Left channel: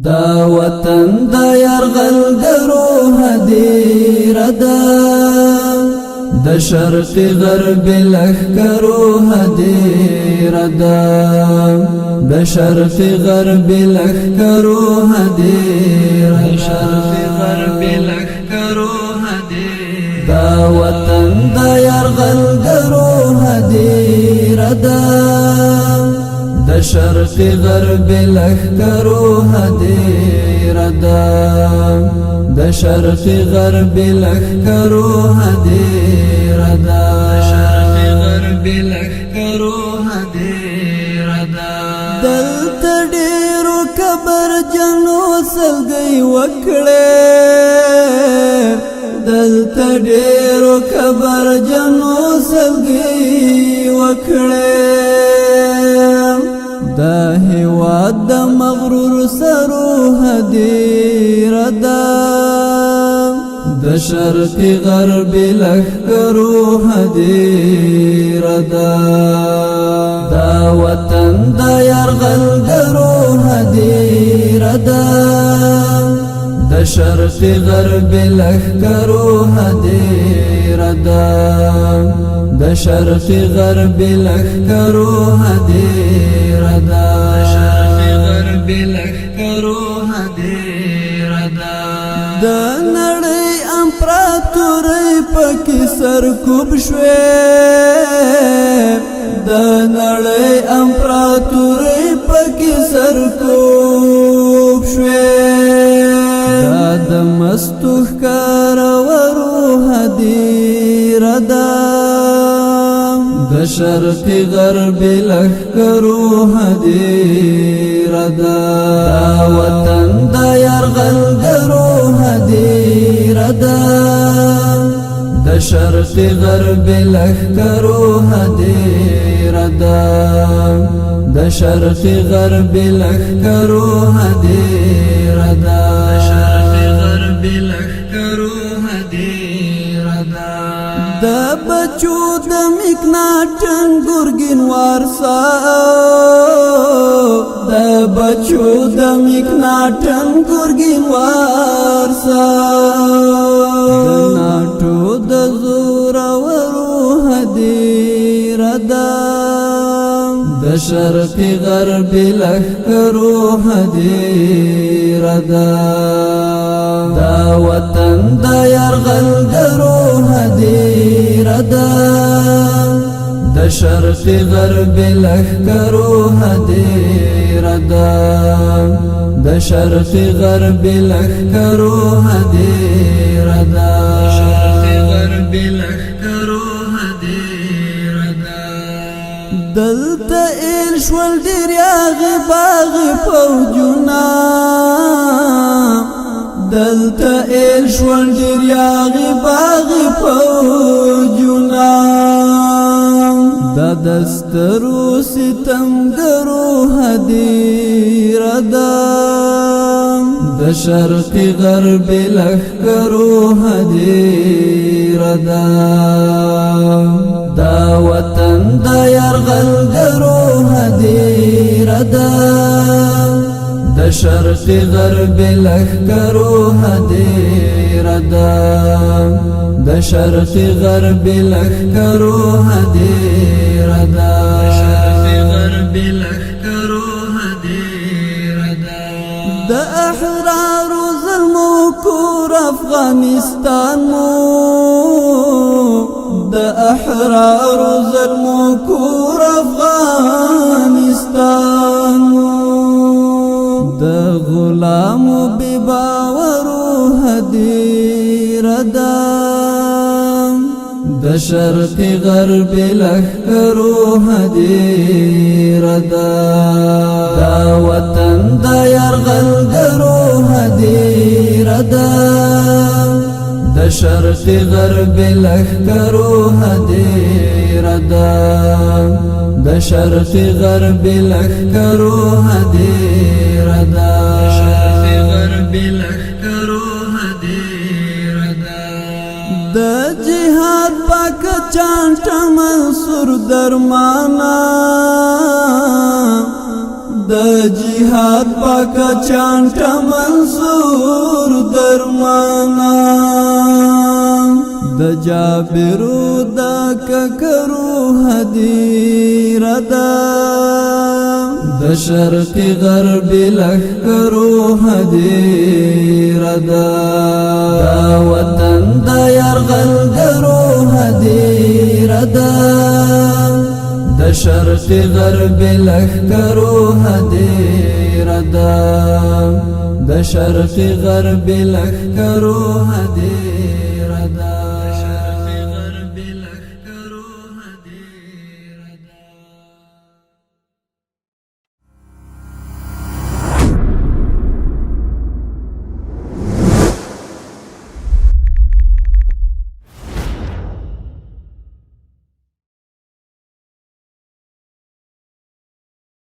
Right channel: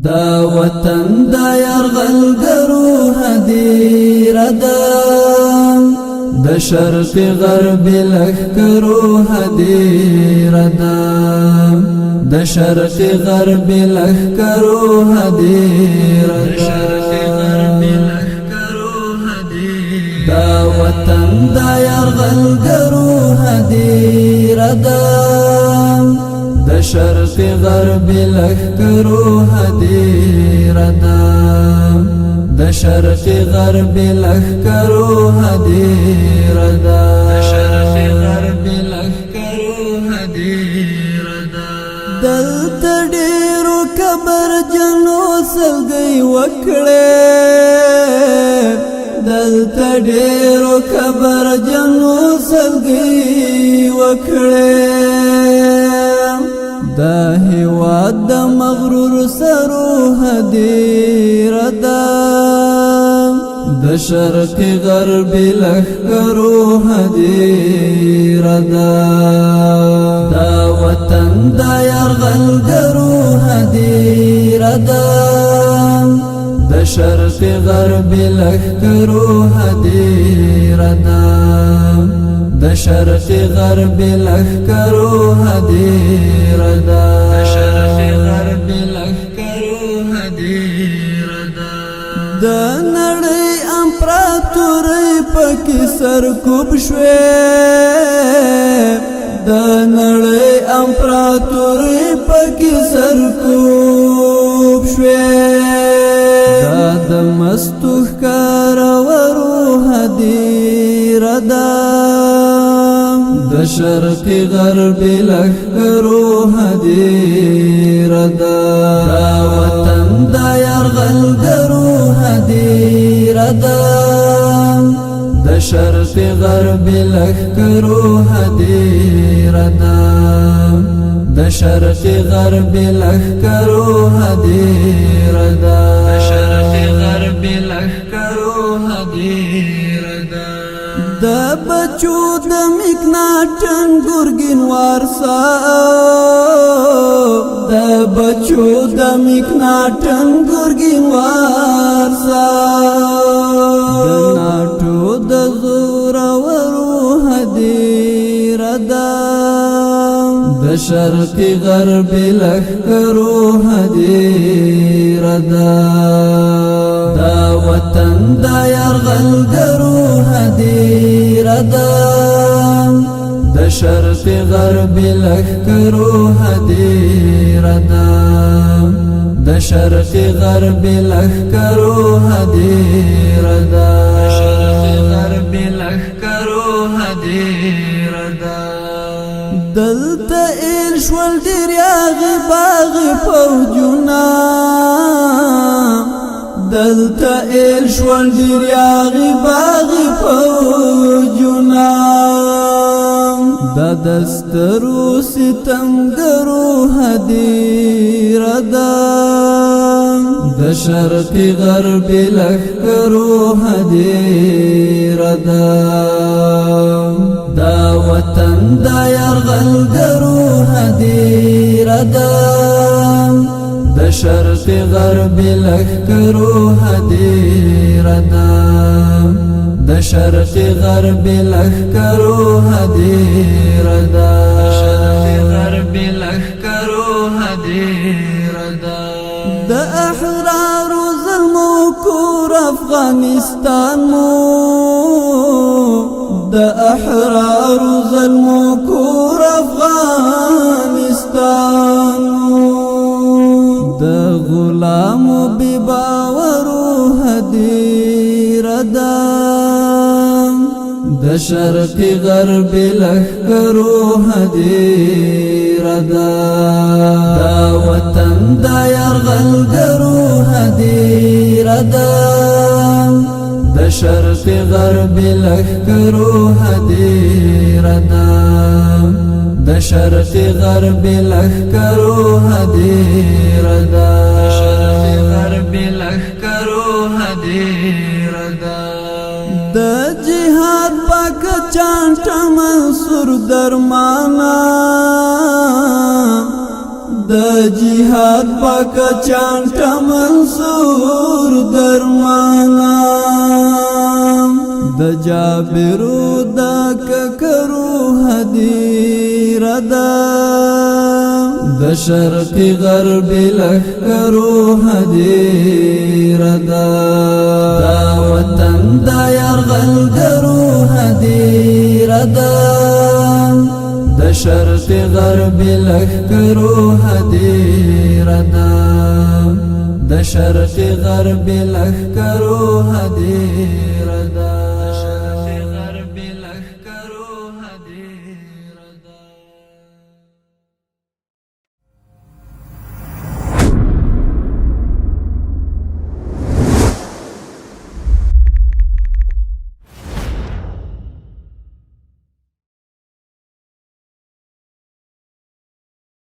دا وطن دا یرغلګرو هدیره ده د شرق غرب لښکرو هدیره ده د شرق غرب لښکرو هدیره دا وطن دا یرغلګرو هدیره ده د شرق غرب لښکرو هدیره ده د شرق غرب لښکرو هدیره ده د شرق غرب لښکرو هدیره ده دلته ډیرو کبر جنو سلګي وکړې دلته ډیرو کبر جنو سلګي وکړې دا هیواد د مغرور سرو هدیره ده د شرق غرب لښکرو هدیره ده دا وطن د یرغلګرو هدیره ده د شرق غرب لښکرو هدیره ده د شرق غرب لښکرو هدیره ده د شرق غرب لښکرو هدیره ده د نړۍ امپراتورۍ پکې سرکوب شوې د نړۍ امپراتورۍ پکې سرکوب شوې دا د مستو ښکارورو هدیره ده د شرق غرب لښکرو هدیره ده دا وطن د یرغلګرو هدیره ده د شرق غرب لښکرو هدیره ده د شرق غرب لښکرو هدیره ده د شرق غرب لښکرو هدیره ده د بچو د مکناټن ګورګین وارسا د بچو د مکناټن ګورګین وارسا د ناټو د زورورو هدیره ده د شرق غرب لښکرو هدیره ده دا وطن د یرغلګرو هدیره ده د شرق غرب لښکرو هدیره ده د شرق غرب لښکرو هدیره ده د شرق غرب لښکرو هدیره ده دلته ایل شول ډیر یاغي باغي فوجونه دلته ایل شول ډیر یاغي باغي فوجونه دا دسترو ستمګرو هدیره ده د شرق غرب لښکرو هدیره ده دا وطن د یرغلګرو هدیره ده د شرق غرب لښکرو هدیره ده د شرق غرب لښکرو هدیره ده د شرق غرب لښکرو هدیره ده د احرارو ظلمو کور افغانستان مو د احرارو ظلمو کور افغانستان د غلامو بی باورو هدیره ده د شرق غرب لښکرو هدیره ده دا وطن د یرغلګرو هدیره ده د شرق غرب لښکرو هدیره ده د شرق غرب لښکرو هدیره ده د شرق غرب لښکرو هدیره ده د جهاد پاک چانټ منصور درمانا د د جهاد پاک چانټ منصور درمانا د جابرو د ککرو هدیر دا د شرق غرب لخکرو هدیر دا وطن د یرغلګرو هدیر دا د شرق غرب لخکرو هدیر دا د شرق غرب لخکرو هدیر